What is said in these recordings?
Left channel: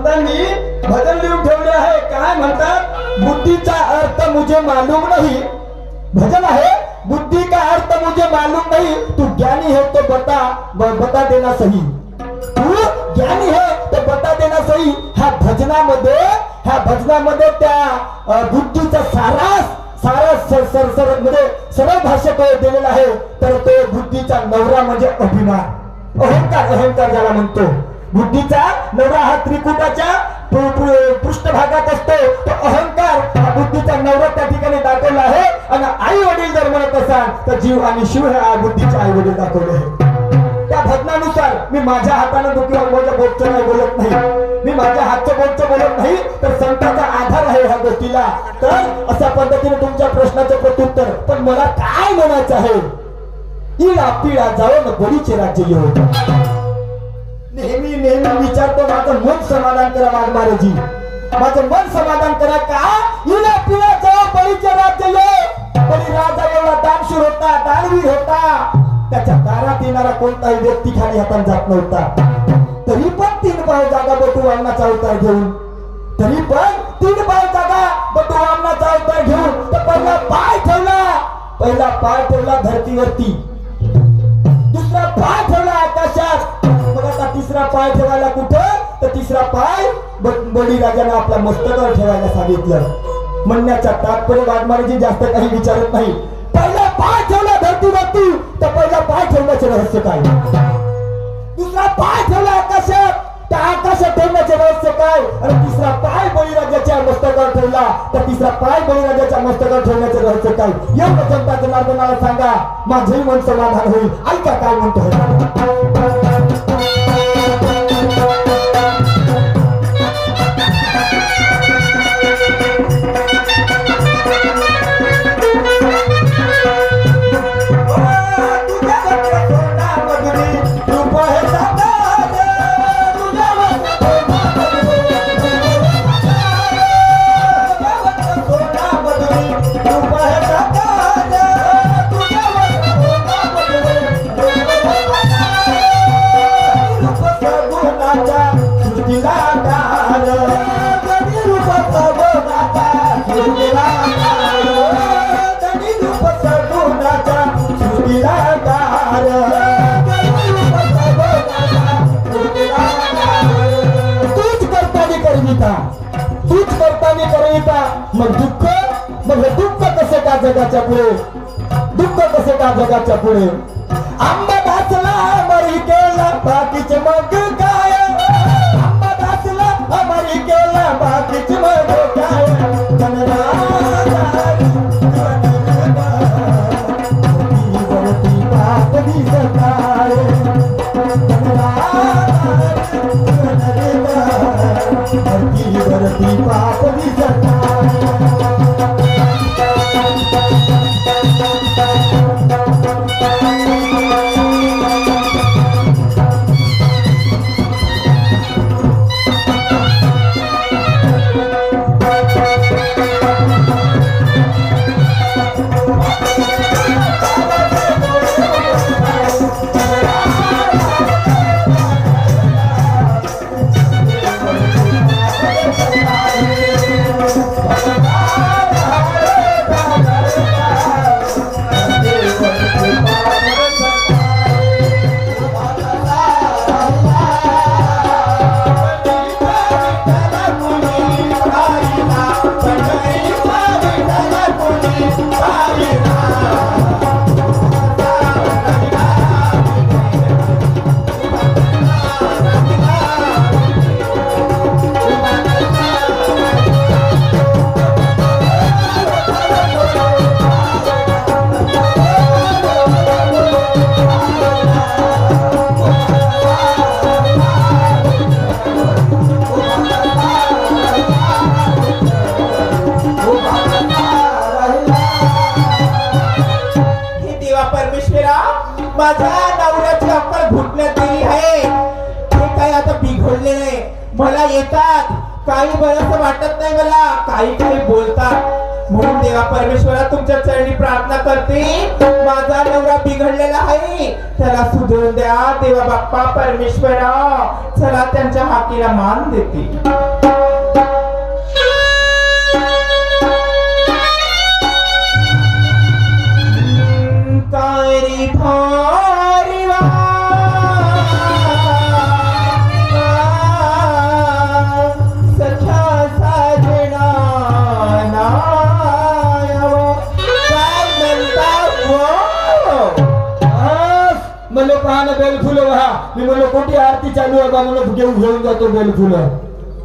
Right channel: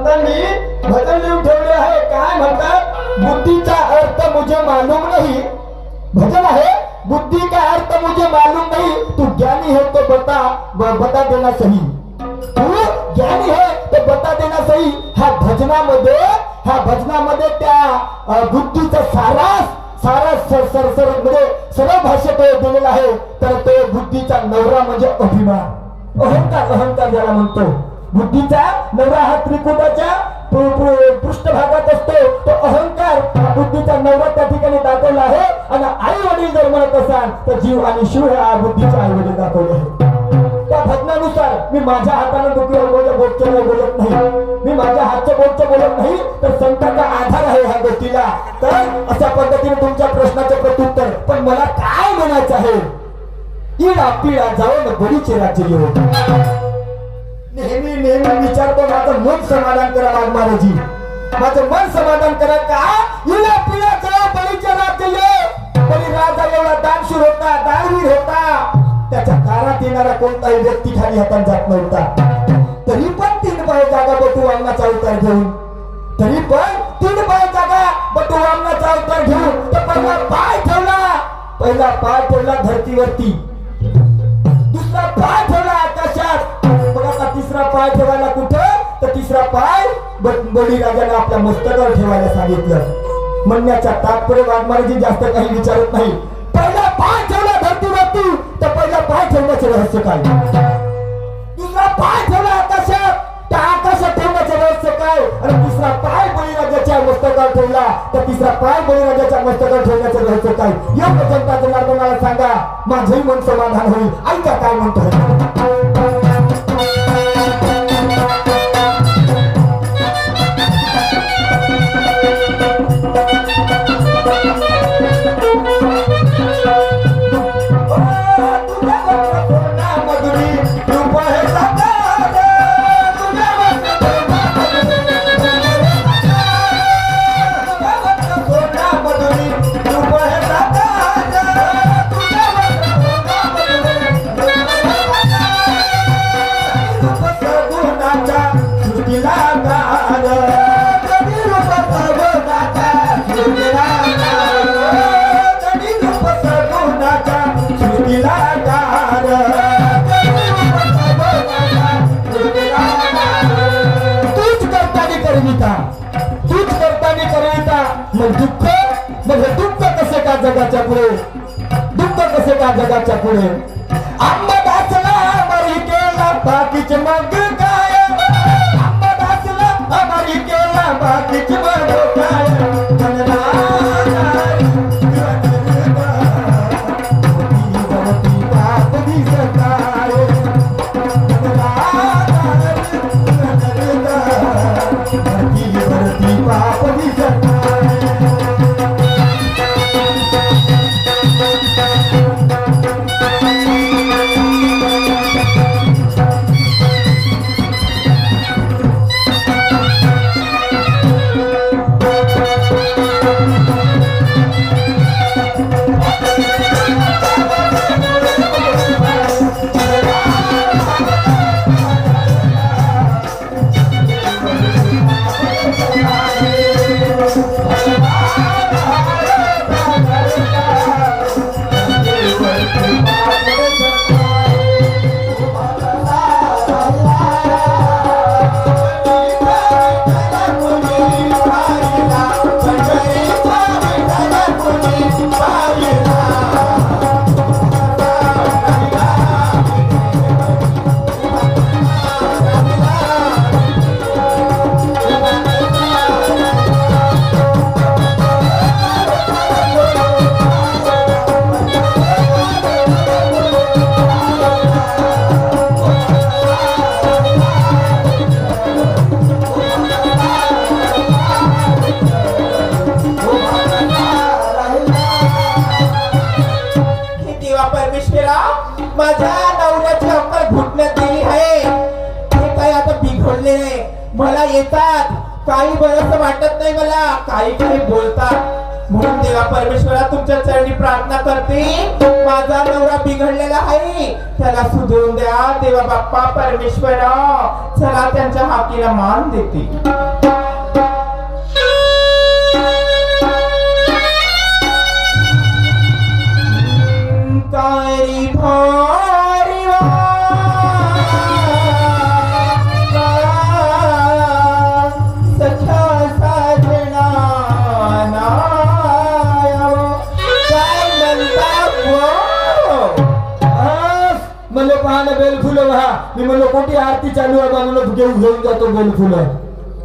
संतांनी भजन लिहून ठेवले आहे. काय म्हणतात? बुद्धीचा अर्थ मुझे मालूम नाही. भजन आहे. बुद्धि का अर्थ मुझे मालूम नहीं. तू ज्ञानी है तो बता बता देना सही. तू ज्ञानी है तो बता देना सही. ह्या भजनामध्ये ह्या भजनामध्ये त्या बुद्धीचा सारास सारास सर सर सर म्हणजे सरळ भाषेत दिलेला आहे. तर तो बुद्धीचा नवरा म्हणजे अभिमान. अहंकार अहंकार ज्याला म्हणतो. बुद्धीचा नवरा हा त्रिकुटाच्या पृष्ठभागात असतो. तो अहंकार बुद्धीचा नवरा त्या ठिकाणी दाखवला आहे. आणि आई वडील जर म्हणत असाल तर जीव आणि शिव हे आ बुद्धीचे आई वडील दाखवले आहे त्या भजनानुसार मी माझ्या हाताने दुखी बोलत बोलतो बोलत नाही. मी माझ्या हातचं बोलतो बोलत नाही. तर संतांचा आधार आहे ह्या गोष्टीला. तर अशा पद्धतीने तुमच्या प्रश्नाचं प्रत्युत्तर. पण मला काय म्हणायचं आहे? इडा पिळा जाऊन बरीचे राज्य येऊ नेहमी नेहमी विचारतो माझं मन समाधान करा महाराजी माझं मन समाधान करा का? इला पिला जाऊ बळीचे राज्य बळी राजा एवढा दानशूर होता दानवीर होता. त्याच्या कानात येणारा कोणताही व्यक्ती खाली हातात जात नव्हता. तरी पण तीन पाय जागा बटू वामनाचा अवतार घेऊन. तरी पण तीन पाय जागा बटू वामनाचा अवतार घेऊन तर पहिला पाय ठेवला. पहिला पाय ठेवला धरतीवरती. दुसरा पाय ठेवला तिसरा पाय ठेवायला कुठं? तर तिसरा पाय बळीराजाने आपल्या मस्तकावर ठेवायला सांगितलं. म्हणण्याचा तात्पर्य वाघमाराजी जास्त काही विचारत नाही. पहिला पाय ठेवला धरतीवरती तर पहिला पाय ठेवण्याचे रहस्य काय? दुसरा पाय ठेवला आकाशात त्या आकाशात ठेवण्याचे रहस्य काय? आणि तिसरा पाय बळीराजाच्या मस्तकावर ठेवला तर तिसरा पाय बळीराजाच्या मस्तकावर ठेवण्याचे रहस्य काय? या जनताचं मार्ग मला सांगा माझंही मन समाधान होईल. ऐका काय म्हणतो तूच जगाच्या पुढे. दुःख कसे का जगाच्या पुढे? आंबा भासला मरी केला बाकीचे मग काय? आंबा भासला अमरी केला बाकीचे मग काय? आहे. हे काय आता बिघडले नाही मला येतात. काही बरंच वाटत नाही मला. काही काही बोलतात. म्हणून देवा परमेश्वरा तुमच्या चरणी प्रार्थना करते. माझा नवरा बिघडलेला आहे. त्याला सुधरून द्या. देवा बाप्पा परमेश्वरा चला त्यांच्या हातीला मान देते. मी म्हणलं कोणती आरती चालू आहे बा म्हणलं घेऊन घेऊन जातो बेल फुलं.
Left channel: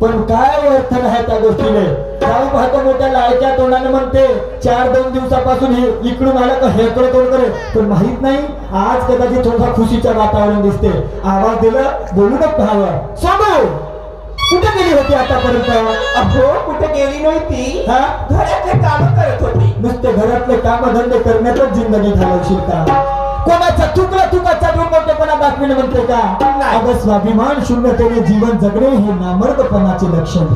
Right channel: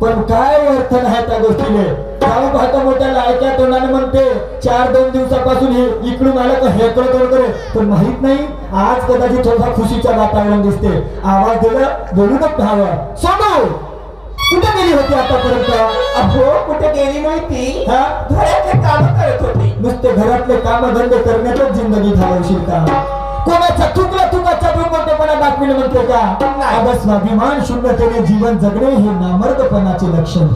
पण काय अर्थ नाही त्या गोष्टीने? जाऊ पाहता मोठ्या लायक्या तोंडाने म्हणते चार दोन दिवसापासून हे इकडून आलं का हे करे करे. पण माहीत नाही आज कदाचित थोडसा खुशीचं वातावरण दिसते. आवाज दिला बोलूनच हवं सोडू कुठे गेली होती आतापर्यंत? अहो कुठे गेली नव्हती? हा? घरातले काम करत होती. नुसते घरातले कामधंदे करण्यातच जिंदगी घालवशील का? कोणाचा चुकला चुकाचा मोठेपणा दाखविणे म्हणते का? नाही. अगं स्वाभिमान शून्यतेने जीवन जगणे हे नामर्दपणाचे लक्षण.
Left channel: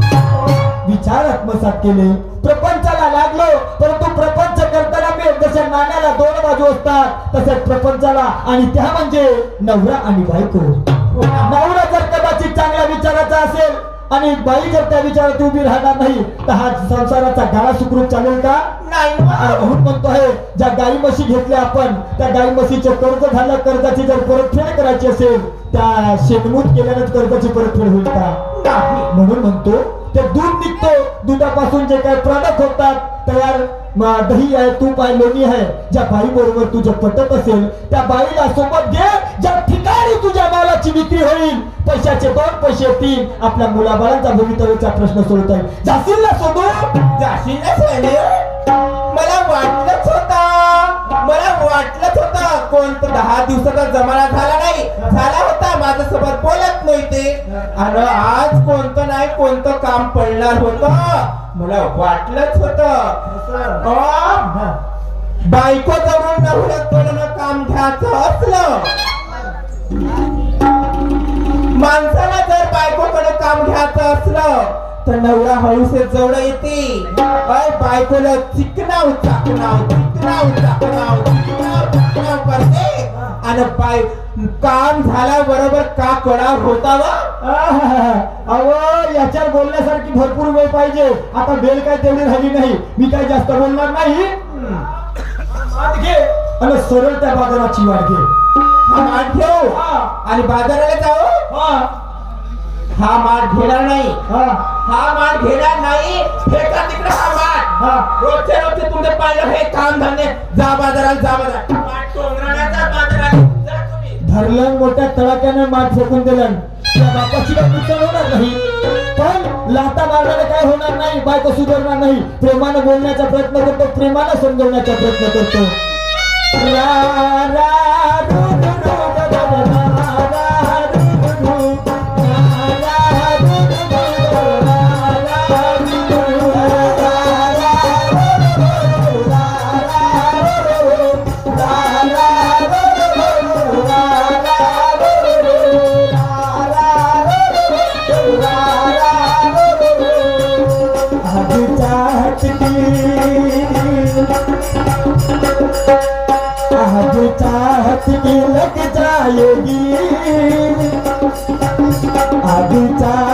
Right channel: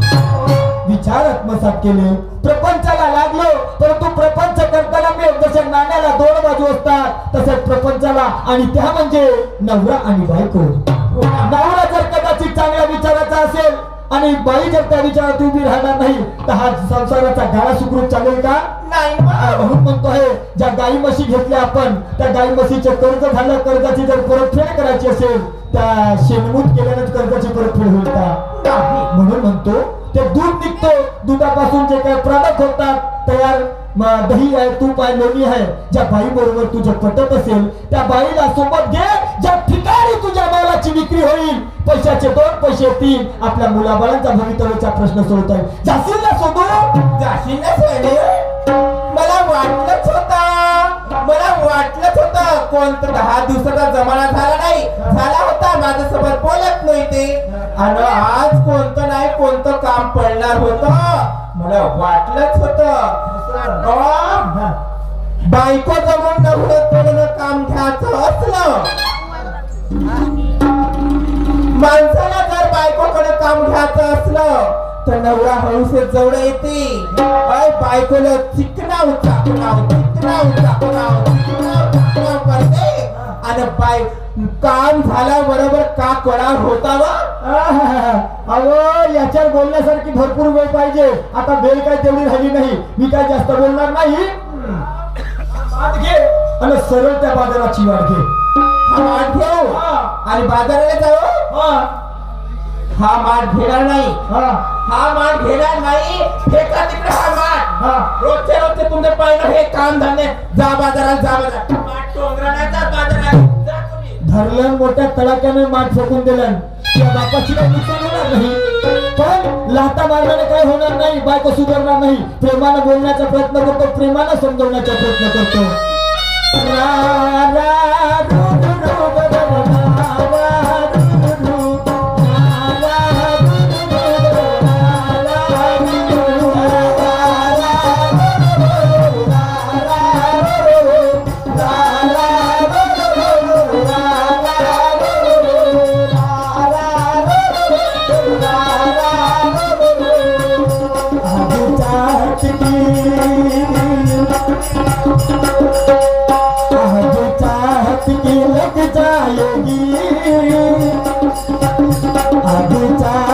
विचार आत्मसात केले. प्रपंचाला लागलो परंतु प्रपंच करताना मी जशा नाण्याला दोन बाजू असतात तसंच प्रपंचाला आणि त्या म्हणजे नवरा आणि बायको. नवरा जर कदाचित चांगल्या विचाराचा असेल आणि बाई जर त्या विचारात उभी राहणार नाही. तर हा संसाराचा गाळा सुखरूप चालेल का? नाही. म्हणून म्हणतो आहे ज्या गाई म्हशी घेतल्या आपण त्या गाई म्हशीचं कर्ज झालं कर्जाची जर परतफेड करायची असेल त्या शेणमूत केल्यानंच कर्जाची परतफेड होईल का. म्हणून म्हणतो ते दूध निघतो. दुधापासून जे काही प्रॉडक्ट होतात तयार दही आहे तूप आहे लोणी आहे ज्या बाई बरोबर तुझं पटत असेल त्या बाईला सोबत घे ज्या ठिकाणी तुझ्या मालाची विक्री होईल. पैशाचे दोन पैसे येतील आपल्या मुलाबाळांचा भवितव्याचा प्रश्न सोडत आहे जाशील ना सोडू जाशील ना सोने? मला वाटलंच होता. मला वाटलंच होतं. कोणतं दहा दिवसाचा जमाना झाला नाही. झाला होता. माझ्यासोबत बोलत नव्हते. आणि आज कोणतं नाही कोणतं काम पडणार होतं? मला वाटलंच होतं. बायको तर नवरा हळूसे जवळ येते. अय बायकोला चिकनाव चाकनाव चिकनाव चाकनाव चिकनाव करते आणि बाय काम झाल्या बरोबर का करार होता वा. अहो याच्यावर बोलण्यासारखी भरपूर वेळ पाहिजे. आता बेल काय तेवढी झाली नाही. मी काय जास्त बोलणार नाही? आणि सरळ त्या बाजाराची वाट घे. आणि बाजाराला जाऊ? हा, माठ घेणार नाही. हा, माठ घेणार नाही फेका तिकडे हा माठ हा. रोजचे रोजचे तुमचे पहिलं हे काम झाले जा बाजारात जा बाजारात. माठ धरलं मोठ्या तडाक्याने माठ फेकून दिलं. त्या बापाची होणार नाही. पण लाता मारल्याने काय होणार नाही बायको सुधारणार नाही. प्रेमानं बोलण्याचा प्रयत्न करतो प्रेमानं समजवण्याचा प्रयत्न करतो. की लग जाएगी आज चाहत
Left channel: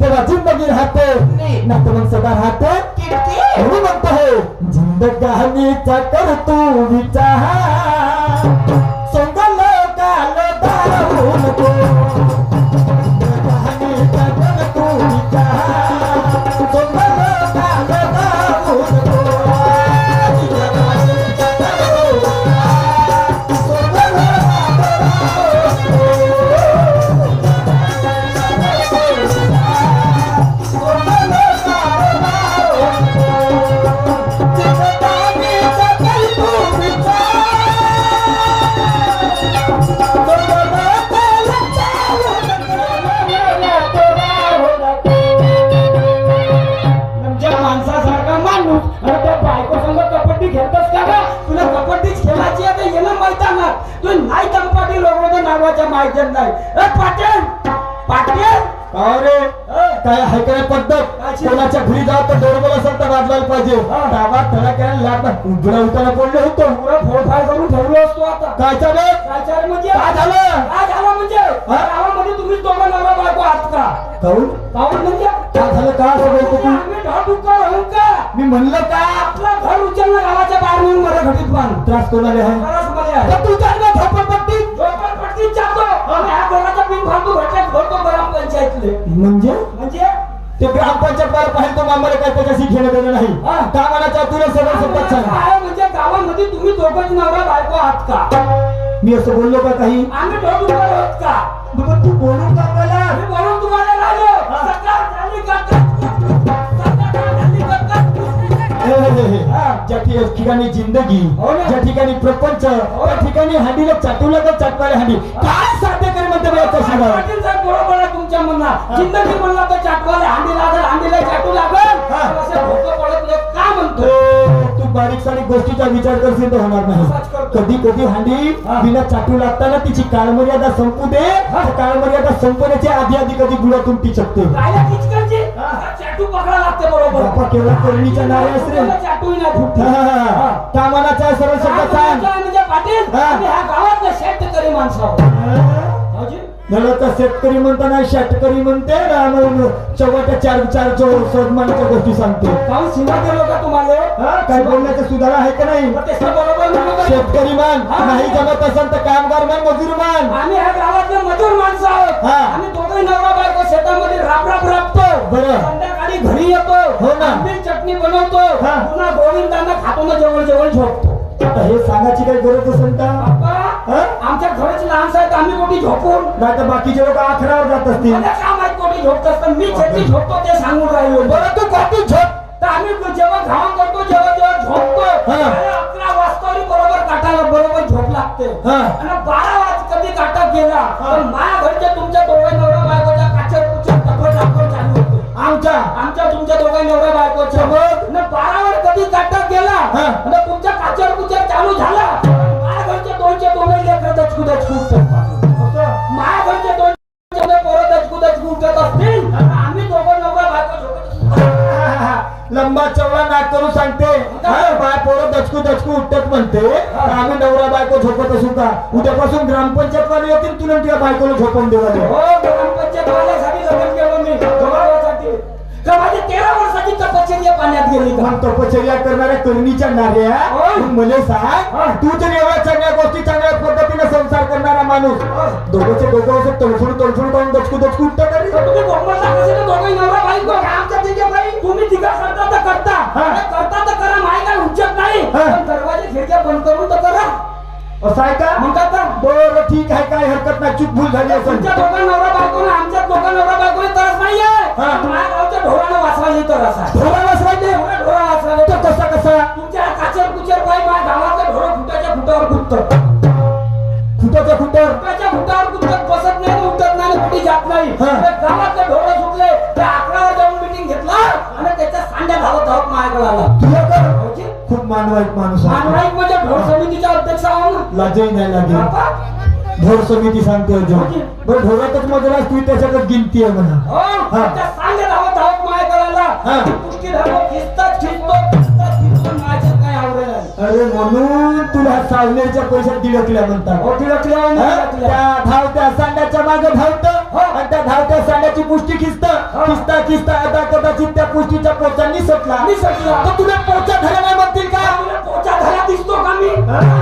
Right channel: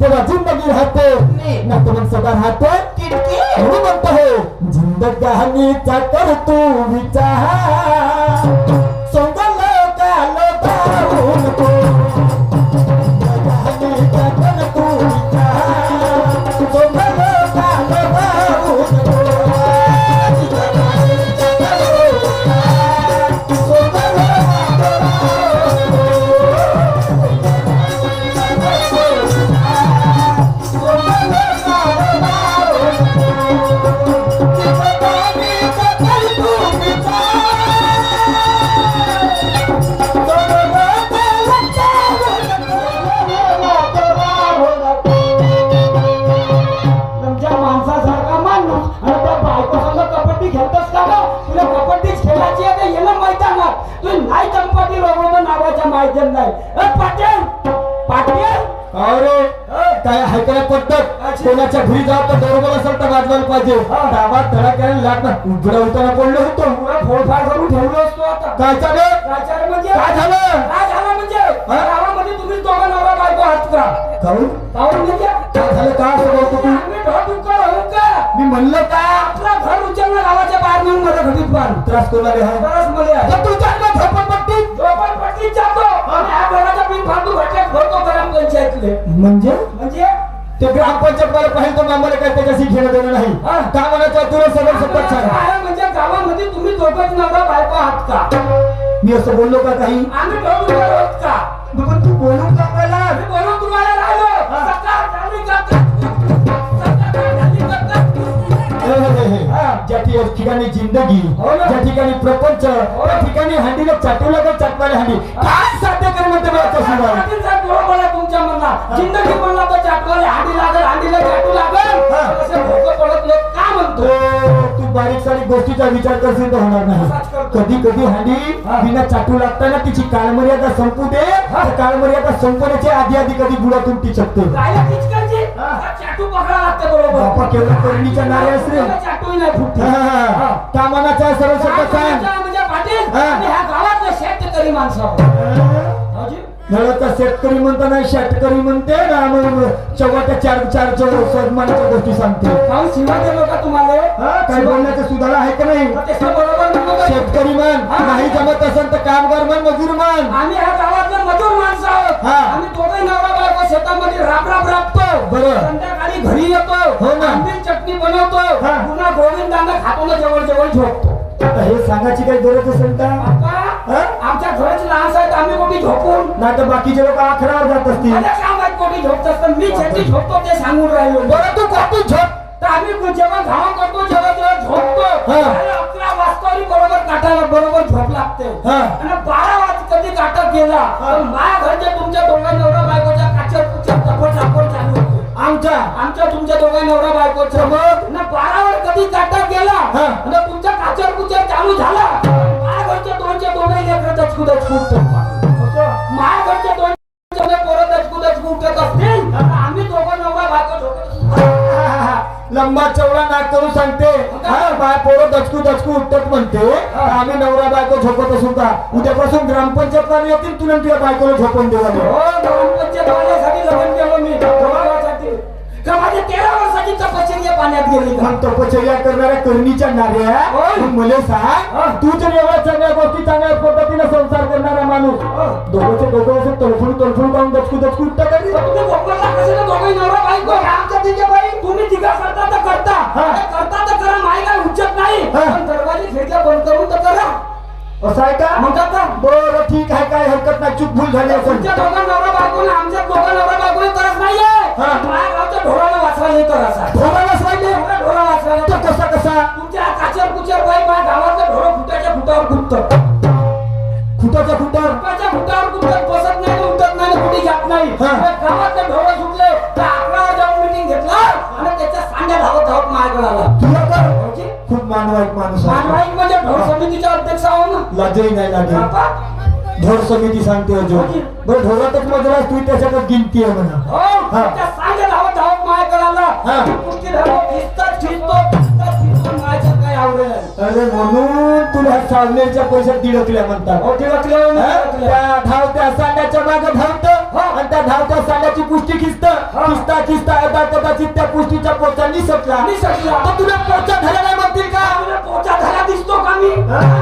तेव्हा जिंदगी राहते. ना तर मग सदा राहते. म्हणून म्हणतो हे जिंदगानीचा कर तू विचार. नाही दंपाटी लोक नावाच्या माहिती नाही. पाटील! पाटील! अरे काय हायकऱ्या पद्धत कोणाच्या घरी जावं तर बरोबर असेल तर वाजवायला पाहिजे. गावात धडाक्याने लाट उजडा उतारा पडलो होतो. पुढे फोडफाड करून ठेवलो असतो आता. काय चालेल प्राचार्य म्हणजे? काय झालं? काय झालं म्हणजे? गावामध्ये तुम्ही दोघं नवरा बायको आहात का? काहून काहून म्हणजे? काय झालं? का असं बोलतो तू? मी म्हणलं का आपलं घर उचलणं गावाच्या बाहेर नेऊन मला घडीत पण. त्रास कोणाला आहे? बरंच मध्ये आहे? तर तू जाणं झोपडपट्टी झोपडपट्टीत. जातो. आणि हा घराचा फालतू ग्रामपंचायतले. म्हणजे? म्हणजे? ते ग्रामपंचायत पाहिजे तर आम्हाला काय त्याच्याशी घेणं देणं नाही. का म्हणायचं तुला सगळं सगळं सांग. काय म्हणजे गावामध्ये तुम्ही दोघंच नवरा बायको आहात का? मी असं बोललो का काही? आम्ही ढोढुक्कर आहोत का? पण तू बोलून का मला? मी बोलून ज्या ठि- ठिकाणी जिंदगी हो. ज्या ठिकाणी प्रपंच त्या ठिकाणी हांडीला चाटू लागत चाटणारी हांडी. काय साध्य करू म्हणते मला तशी तुमच्या जिंदगी म्हणला तर हांडी लागल हांडीला चाटू लागल. हा. पण असे भोकं पडत नाही का म्हणतो? बारीक सारीक गोष्टीचा विचार करशील तर होणार नाही. कधी कधी हांडी तिला चाटू लागताना तिची काळमर्यादा संपू दे. काळमर्यादा संपण्याच्या आधी आधी कधी बुडातून ती चकते चाटू पकडा लागते बरोबर. बापा केवढा करणीच्या नाऱ्या असते त्याला चाटूही नाही फुटते का मनाचा सरळ शब्द सांग. म्हणजे पाटील. आम्ही ह्या गावातले शेतकरी माणसं आहोत. भाऊजी, नळाचा शेतकरी शेतकरी म्हणते शेवटच्या चार चार स्वमानाच्या गोष्टी सांगते. काहून शिवाय लोक तुम्हाला? काय बोलण्याचं सुधारा आहे का नाही? शेतकरी मान नाही जमत असेल तर कामगार मान मजूर मान. आम्ही ह्या गावातले मजूर माणसं आहोत. हा. आम्ही दोघे नवरा बायको शेतामध्ये राब राब राबतो. बरं. संध्याकाळी घरी येतो. हो ना. आंबील चटणी बनवतो. हा. पुन्हा गोविंदांना खातो ना जेवण जेवण झोपतो. आता हे सांगायची काही गरज असेल का? आमच्या घराची लहान आहेत आम्ही कोणी झोपून? नाही तर बाकीचे लोक आखड्यावर जात असतील. कामात कोणी झोपत असतं. मी चटणी झोपतो ते सांगून राहिलो. बरं तू कॉपी झोप? तर आम्ही जेव्हा घाम करतो जेव्हा जेव्हा झोपतो. अकरा वाजता आणि बरोबर काटाला बरोबर झोप लागते. आणि बारा वाज कधी काटा गेला तर माझ्या घरच्या तुमच्या दोघं आमच्या तुमच्या दोघं नवरा बायकोच्या मग न बारावर कधी काटा गेला हा. आणि तुमच्या काचेवर कुचेत चालू झाला. माझ्या घरच्या दोनच्या दोघं लेकर दचकू दचकू माझ्या घरच्या दोन पोरं दचकू दचकू उठत असतील. आम्ही दोघं नवरा बायको झोपत लंबा चौडा नाक करून सांगते. बाय पोरं दचकू दचकू उठतात म्हणते. आम्ही नवरा बायको झोपत असू का? उद्यापासून ग्रामपंचायत वाले येतील तुला तुझ्या बायकोला झोपून देवाले हो ग्रामपंचायत वाल्यासाठी माझी तेरा वर्षाची तपश्चर्या पाण्यात गेली का मग तपश्चर्या करणाऱ्या करणीच्या नाऱ्या होय. तू मला सांग. तू तर एवढ्या चांगल्या गोष्टी चांगल्या पद्धतीने संसार करणारा माणूस. दोघंचे दोघं असं तडफडून तडफडून जाऊन दचकू दचकू उठता का रे? तर तुम्ही गोपन सांगायचं ना दोघं नवरा बायको? आमच्या तिघे बाई. तुम्ही तिघा करता तर करता. हा. करता तर करा माय काय उच्चत नाही. हा. पण दरवाजे खिडक्या बंद करून तर करा. असं आहे का? म्हणतात का बरं ठीक आहे काय हरकत नाही. चूक भूल झाली असेल. तुमच्या दोघं नवरा बायको आमच्या दोघं नवरा बायको तरच नाहीये. माझ्या गावच्या ढोराला वाचवायची तरस आहे. ढोरालाच राहिले एवढा ढोरा वाचवायला तो कसा कसा? तुमच्या काचेर कुचेर काही माझ्या गावातलं ढोरं फुटाच्या फुटावर फुटतं. खुटाच्या खुटावर फुटाच्या फुटावर कुठं बसत नाही उठत नाही कुठे जात नाही. ते गावातले ढोरं सुटले त्या अकरावर जाऊन मिटिंग घेतला आणि त्याच्या सांड्या धावत धावत माझ्याकडे आला तुला का खूप मानवाईक माणूस मानवाईक म्हणजे ढोर लाजही नाही लागेल. ढोर समिती सांगते अजून बरं ढोरातच मजला तू त्याच्याकडे गिनती आहे म्हणा. हो हा. हा. अरे म्हणून तुला पैशात दिडकल्या म्हणतात. हो हा? त्या धावत्या सांड्याच्या मागे धावत आणि त्या धावत्या सांड्याची पुष्टी खिचत खिचता खिचता आता कदाचित त्या पुष्टीच्या पोचा निसटला निसटला. तर तुला पोचा नाही म्हणतील का? तुला पोचा धरा दिसतो का मी?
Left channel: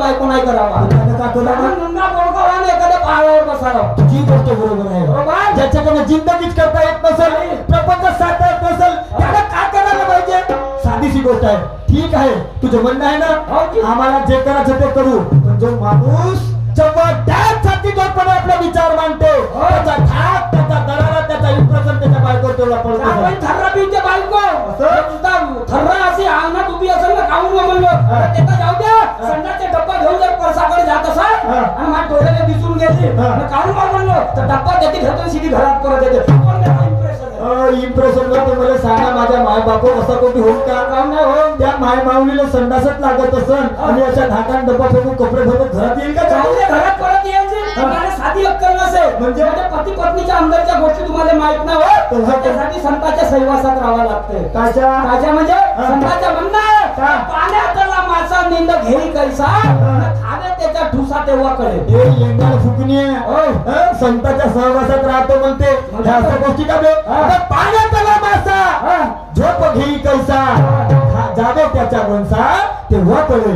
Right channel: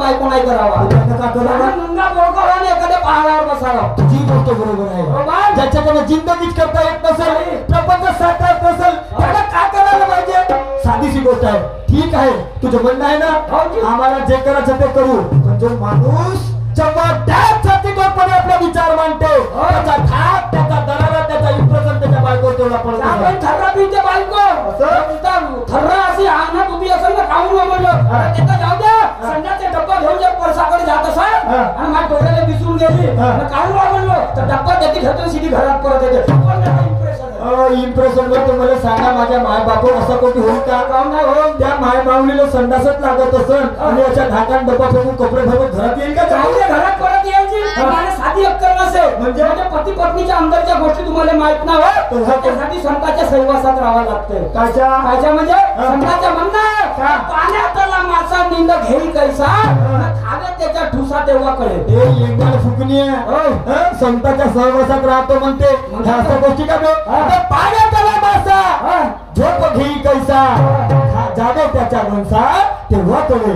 जातो दादा मुंगा बोलका आणि एखाद्या पहाडावर बसावं. तुझी गोष्ट बरोबर आहे. बरोबर. ज्याच्याकडे जिंदगीच करता येत नसेल प्रपंच साधता येत नसेल त्याला काय करायला पाहिजे? साधीशी गोष्ट आहे. ठीक आहे. तुझं म्हणणं आहे हो? ना आम्हाला जे करायचं ते करू. पण जो माणूस जेव्हा त्याच छातीतोडपणे आपला विचार मांडतो. हो. त्याचा धाक त्याचा दरारा त्याचा त्याच्या आपण पडतो थर्रा पिऊच्या बायको असं? थर्रा अंगणात उभी असेल ना काऊन म्हणलं हा. त्याचा जाऊ द्या डब्बा घेऊन जर परसाकडे जात असा हा. आणि माझ्या डोळ्याला दिसून गेली हा. काऊन म्हणलो तर डब्बा त्याची घेतो घरात परत येते? इम्प्रेशन मला सांगा माझ्या माय बाप असं कोणी होईल का काऊन नाही होईल? त्या माय माऊलीला संडासच लागत असन आणि याच्या धाकान डब्बा फेकून कपडे भरून घरात येईल का जाऊ दे, घरात परत यायची तुम्हाला साधी अक्कल नसेल. म्हणजे पती पत्नीच्या अंदरच्या गोष्टी तुम्हाला माहीत होत त्यासाठी संतांच्या सहवासात राहावं लागते काच्या राजा म्हणजे? संतांचं म्हणणं. पाण्यातला मासा निंद घेई कैसा? त्याच्या ठुसा तेव्हा कळेल. हे लेंगाळ फुकणी? संतांच्या सहवासात राहतो म्हणते. अशा गोष्टी का बे. आता पाण्यात आला मासा. झोप घेई कैसा? जागो त्याच्या वंसा तेव्हा कळे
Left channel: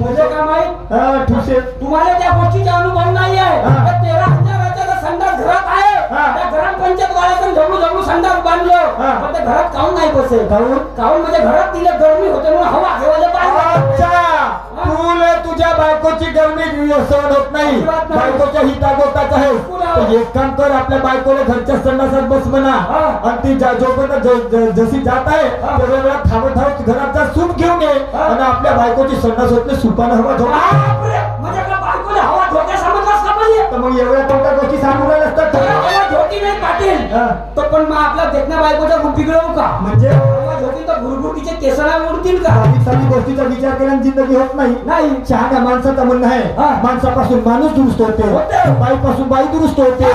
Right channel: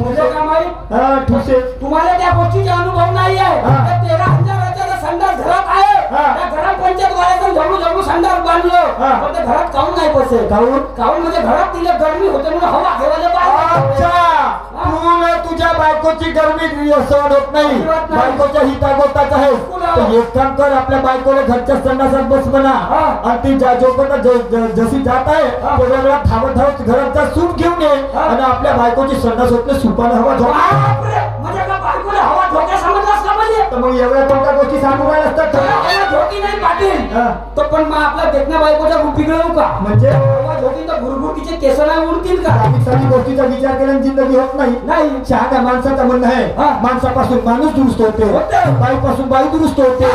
माहीत हा, ठुसे तुम्हाला त्या गोष्टीचा अनुभव नाही आहे हा. त्या तेरा हजाराचा संडास घरात आहे. हा. त्या ग्रामपंचायत वाल्याचं जवळ जवळ संडास बांधलं. हा. पण ते घरात काऊन नाही बसेल? काऊन? म्हणजे घरात तिला गरमी होते म्हणून हवा घेवायला पाहिजे. अच्छा! तुला तुझ्या बायकोची गरमी सहन होत नाही. बायकोच्या हितागोताच आहे तर एक काम कर आपल्या बायकोला घरच्या संडासात बस म्हणा. आणि ती ज्या जोपर्यंत जशी जात आहे. तेवढ्या थांबत थांबत घराचा सूप घेऊन ये. आणि आपल्या बायकोची संडास होत नाही सुपानं हवा मग एवढ्या कोणत्या गोष्टी सांगू राहिल्या असतात झोकी नाही पाटील हा. तो पण मग आपल्या देखण्या बायकोच्या बिघडवू का म्हणजे झोकी तर गुरगुटीचे केसला उडतील का साधी साधी गोष्टीचा विचार केल्याने जिंदगी होत नाही नाही शहाण्या माणसाचं म्हणणं आहे. माणसापासून माणूस दुरुस्त होते होते. बाईपासून बाई दुरुस्त होते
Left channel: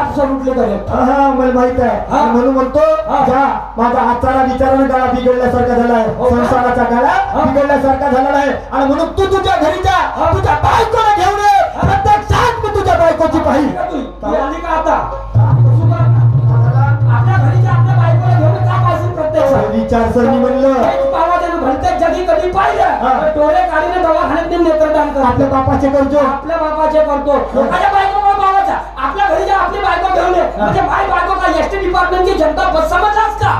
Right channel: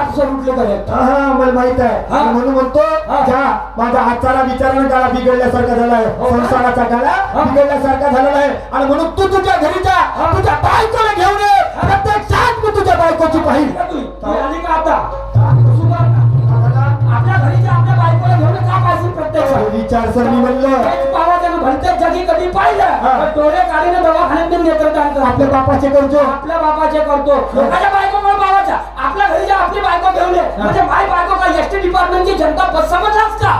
absolutely correct. हा मला माहीत आहे हा. आणि म्हणून म्हणतो हा. जा माझा आचारा विचारानं गळा बिघडल्यासारखा झाला आहे हो? संसाराचा गळा. बिघडल्यासारखा झालेला आहे आणि म्हणून तू तुझ्या घरी जा. तुझ्या बायकोला घेऊन ये प्रत्यक्षात तुझ्या बायकोची पाहिजे आता? आपल्या घरी आपल्या बायकोला घेऊन का पाहिजे प्रत्यक्ष. विचारसरणी म्हणलं. भलत्याच जगी कधी पाहिलं? हा. डोळे काढीने दवाखान्यात करतो आपल्या बापाचे करतो. आपल्या बापाचे करतो. अरे बायको आपल्या घरी जा आपली बायको घेऊन ये म्हणजे माय बायको का एस टी डिपार्टमेंटची जनता बस समजलास का?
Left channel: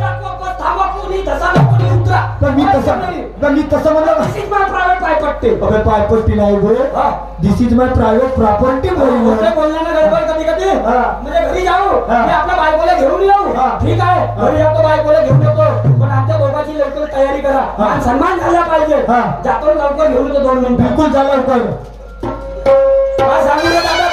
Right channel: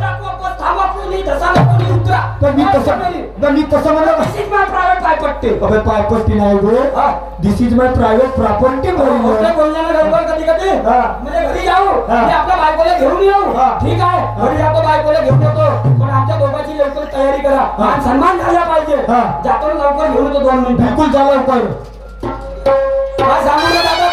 टाकू, बस थांबा कोणी धसा कोणी उतरा. तर मी तसं तर मी तसं म्हणलं This is my private काय पट्टे अबे पायपट्टी नाही गो. This is my private property मोठे बोललो. बोलण्याला गडबड कधी कधी. म्हणजे घरी जाऊ हा. मी आपल्या बायकोला घेऊन येऊ. हा. ठीक आहे? घरी आपल्या बायकोला घेऊन येतो. पण आमच्या दोघांची लवकर तयारी करा. मान सन्मान झाला पाहिजे. जातो लवकर घेऊन येतो दोन मिनिटं. बिलकुल झालं आज जाऊन ये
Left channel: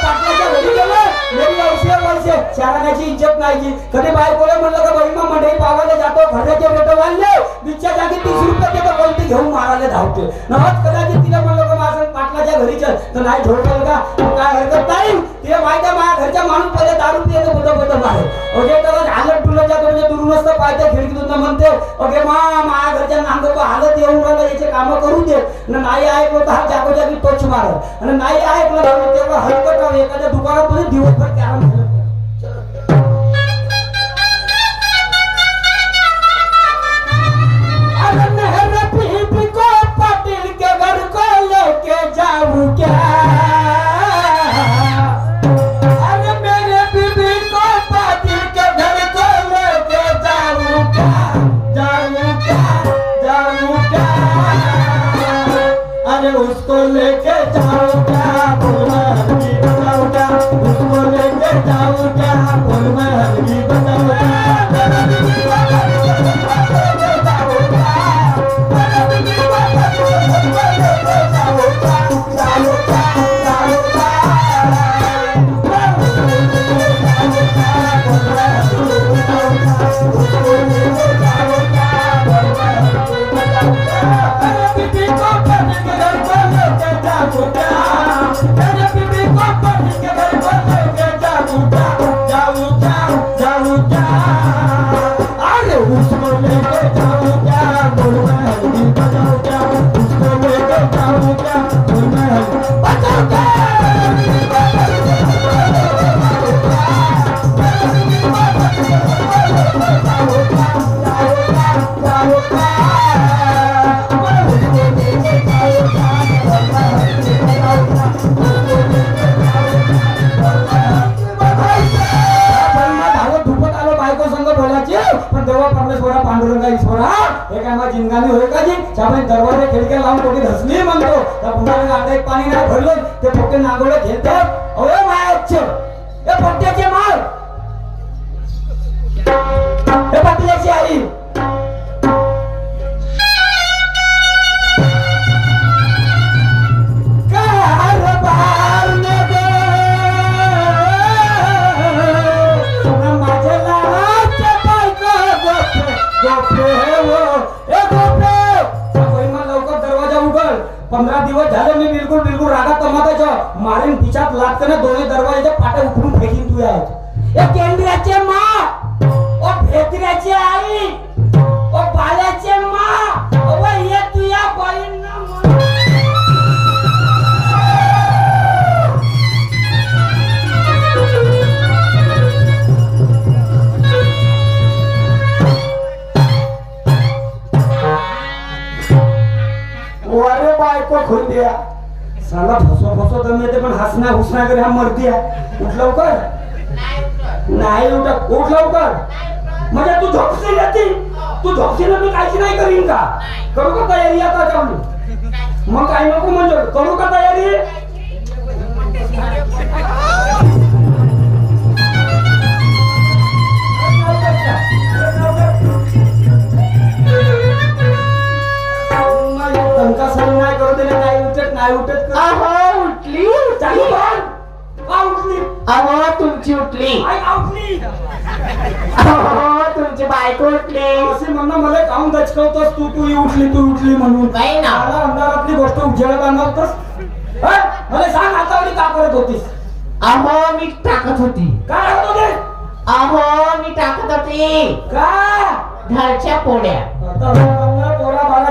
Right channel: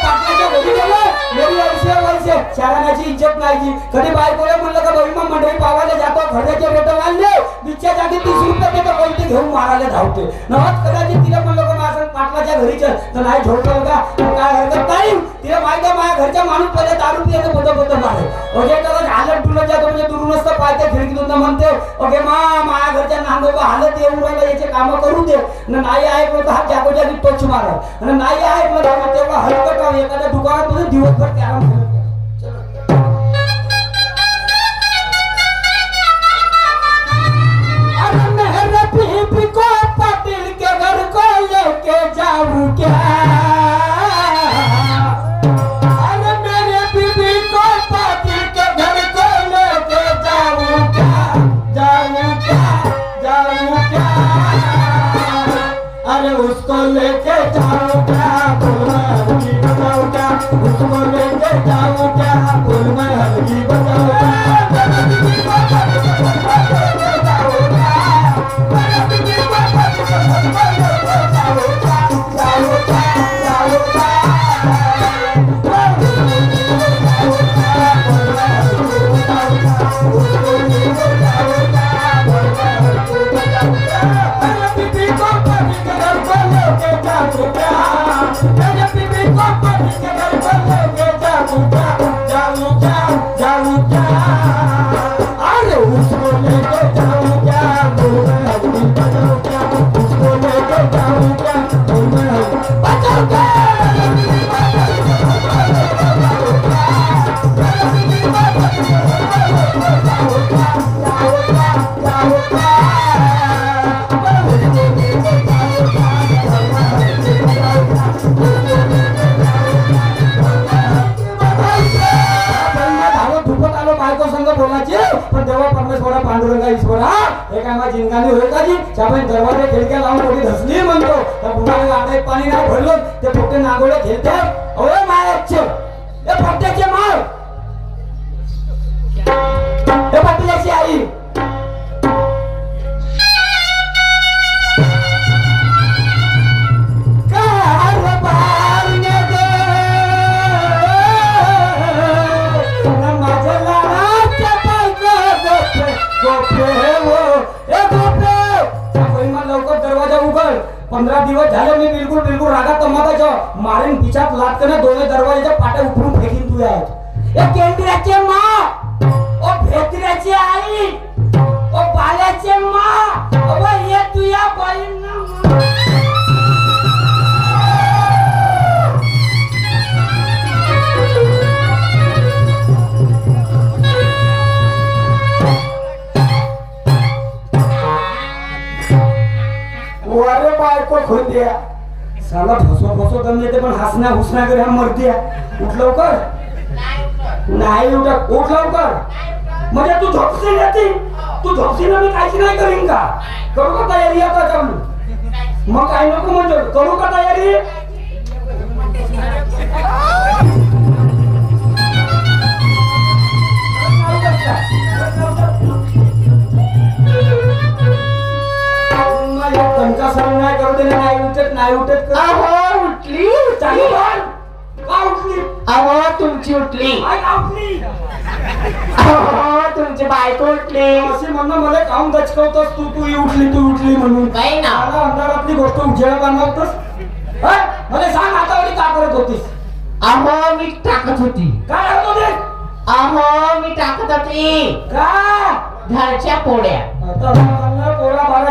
মরিয়া पैसे घरी शहराची इज्जत नाही जी कधी बायकोला म्हणलं का बहिमा मंडळी पावायला जातो खर्चाचे रेट वाढले बिच्छा जागी तीस रुपये देतो कोणती घेऊन मारायला धावते नवच कदाचित तिला म्हणलं का माझं पाटलाच्या घरी चल तर नाही ठोकल का? काय हरकत नाही. तिला माहिती आहे माझ्या घरच्या माणूस पहिले दारू पियाचं बोट बोट मारे ओके तर हालत तुला जातो म्हणजे दुरुस्त पाहिजे खिडकीतून तर म्हणते. ओके मा माझ्या घरच्या नांगो हालत येऊन राहिलं याचे कामं करू दे. नाही ऐकलं तर हा जागोजागी टोच मारत. नाही ऐकलं तर हरकत एखाद्या दुकानात दिवसभर कॅरम जाऊ क्या? अरे मेरे बीबी को के घर को लेके क्या? जाऊं क्या? जाऊ क्या? अरे उसको लेके जाऊं ハハハハ。दिवस झाले मी बिलकुल बिलकुल रागात तमाकाचं मारेन पिछात लाटकने दोन्ही दरवाजाच्या पाट्या उघडून फेकीन तू आहेत ए केंद्राचे मा! ओ भेत्र्याची आई! ओ बाल्याचे मा! द्या साला फसवा फसवा दम येते पण हसना हुसना करे हा मरतिया. उठ लवकर. नाही उठा उठ लवकर. म्हणजे तू झोपशील येते तू? झोपशील मी काहीच नाही करीन का? करू का तयारी आता मग काय नको म्हणजे? करू का तयारी? सहन नाही उठत नाही उठत. कर. अहो उठली चालू कर. का उठली? अहो तुमची उठली. आई अहो तुमची बायको उठली. असे म्हणणं मला काऊन दचकवतोस तू तू ही उठली तू उठली म्हणून. नाही ना. मला अंधारातली गोष्ट उजेड बनवतोस हं? मला सांग आता वरी का करत होतीस? अहो मी टाकत होती. काय होत होते अहो मी टाकत होती. का? घरच्या पोळ्या. आता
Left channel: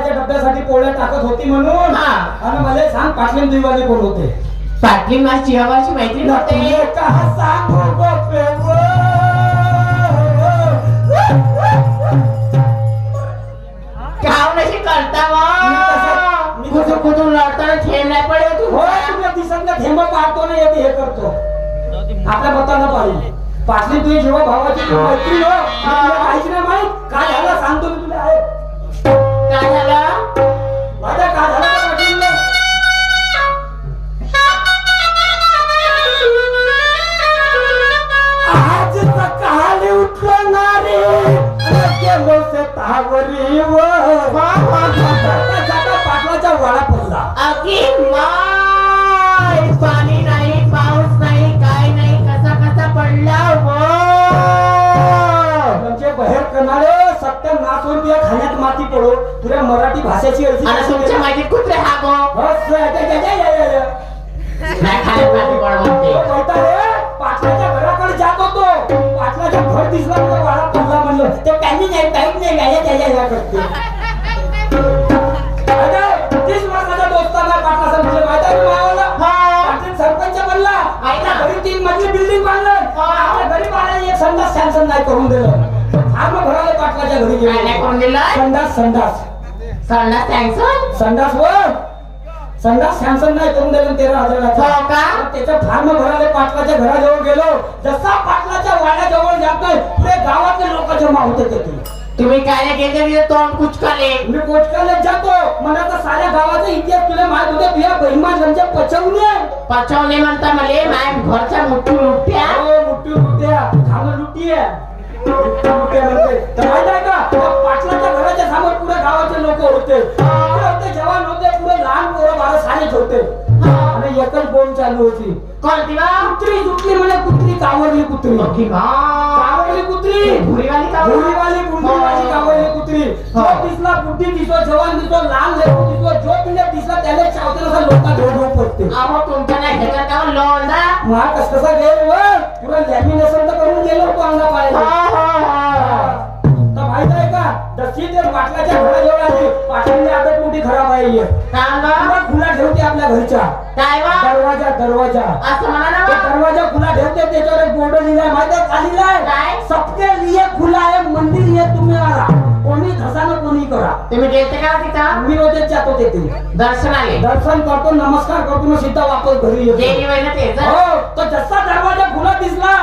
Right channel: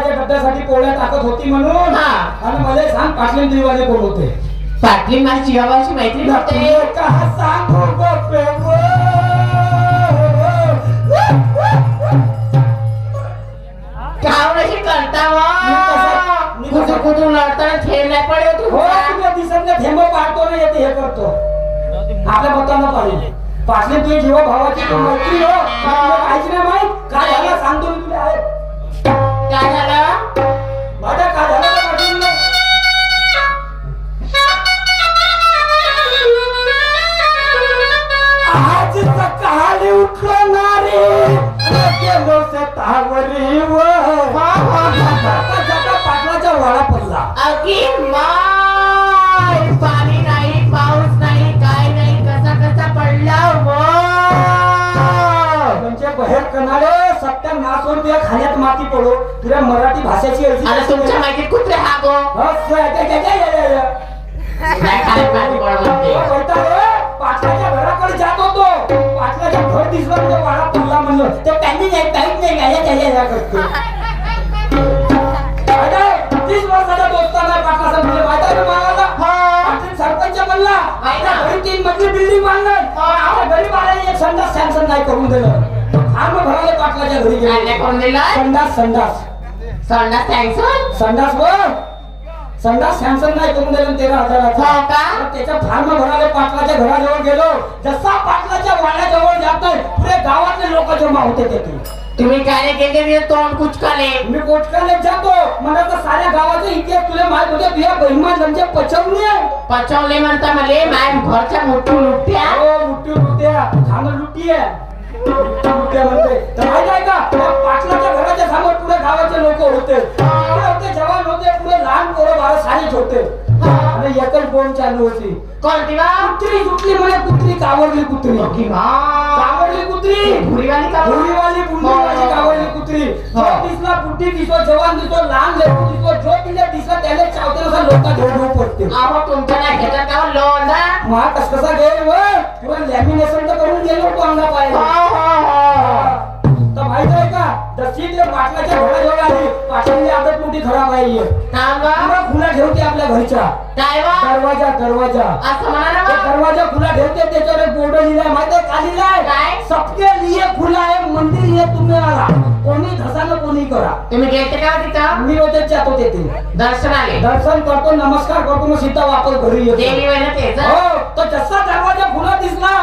बाळाच्या डब्यासाठी पोळ्या टाकत होती म्हणून. हा. आणि मला सांग पाटलीन दिवाले कोण होते. पाटली माझी जीवाची मैत्रीण होते कहा सांग बापे, वो. काय करता मी कसं- मी कुठून कसं- कुठून लढताना खेळ नाही पडे हो तुला दिसत ना थेंब पाहतो ना येते हे करतो. आपल्या पाहिजे पाटली तुझी जेव्हा भावाची मैत्री हो काहीच नाही माहीत. काय झालं? सांगतो मी तुला आहे संडास नाही करून दिलं फार्म भराले पाटलाच्या घरी काय नाही करून दिलं? संडास संडास. सोडणार सँक्शन संडास वर. संडास सॅमसन नाही करून दिलं तेरा हजाराचा हो का? तर त्याचा फार्म भरायला पाटलाच्या घराजवळ गेलो. जसा पाटलाच्या वाड्याजवळ जातोय पुरे गावातले लोक जमा होते तिथे. तुम्ही काय केले मी तोंड कुचकाले. मी कोचकाला जातो. मला तर साऱ्या गावाचा इतिहास तुला माहीत होते. तुझ्या बहिमा म्हणजे पचवणे पचवले म्हणता मले. माय घरच्या मोठी लुट्या हो मुठी लुट्या झालं लुटी आहे. तर माहीत आहे का पाटलाच्या घराच्या समोर पुरे गावाचे लोक होते होते जवान होते पुरे लहान पोरं बारा सानेच होते आणि एकच बोंब चालू होती कोणती कुत्री सुटली कुत्री. कावरली कुत्री की वा कावरली कुत्री भुरीवाली का भुरीवाली. कुत्री जो हा. दिसला बुद्धी दिसतो जवान दिसतो लहान लेकरू दिसतो जो पिल्ले दिसला त्याला चावते नसा लोक धोडू पडते अहो तुमच्या नाही घेतात का लोंदा मा कस कसा गेले तुला लॅमिनेशन तर करून गेलो हो पाहिजे हो. हो. तर माहीत आहे का? जशी ते पाटलाच्या घराजवळ आली पाटलाची आदत मोठी खराब आहे. ही. सांगा पुरा खुला ठेवते आपल्या घरच्या. काय दरवाजा दरवाजा. असं म्हणा. दरवाजा खुला ठेवते त्याच्यावर बोर्ड लिहिला. माहिती लिहिलाय काय? सबके लिए खुला है मंदिर ये तुम्ही आला. कोणी धसानं कोणी करा. तुम्ही गेलते का तिथं? मी होते जातो तेथे. दर्शनाले दर्शन करतो नमस्कार करतो मग सीता वापस घरी येतो. देवी हो तो जसा दरवाजा खुला दिसला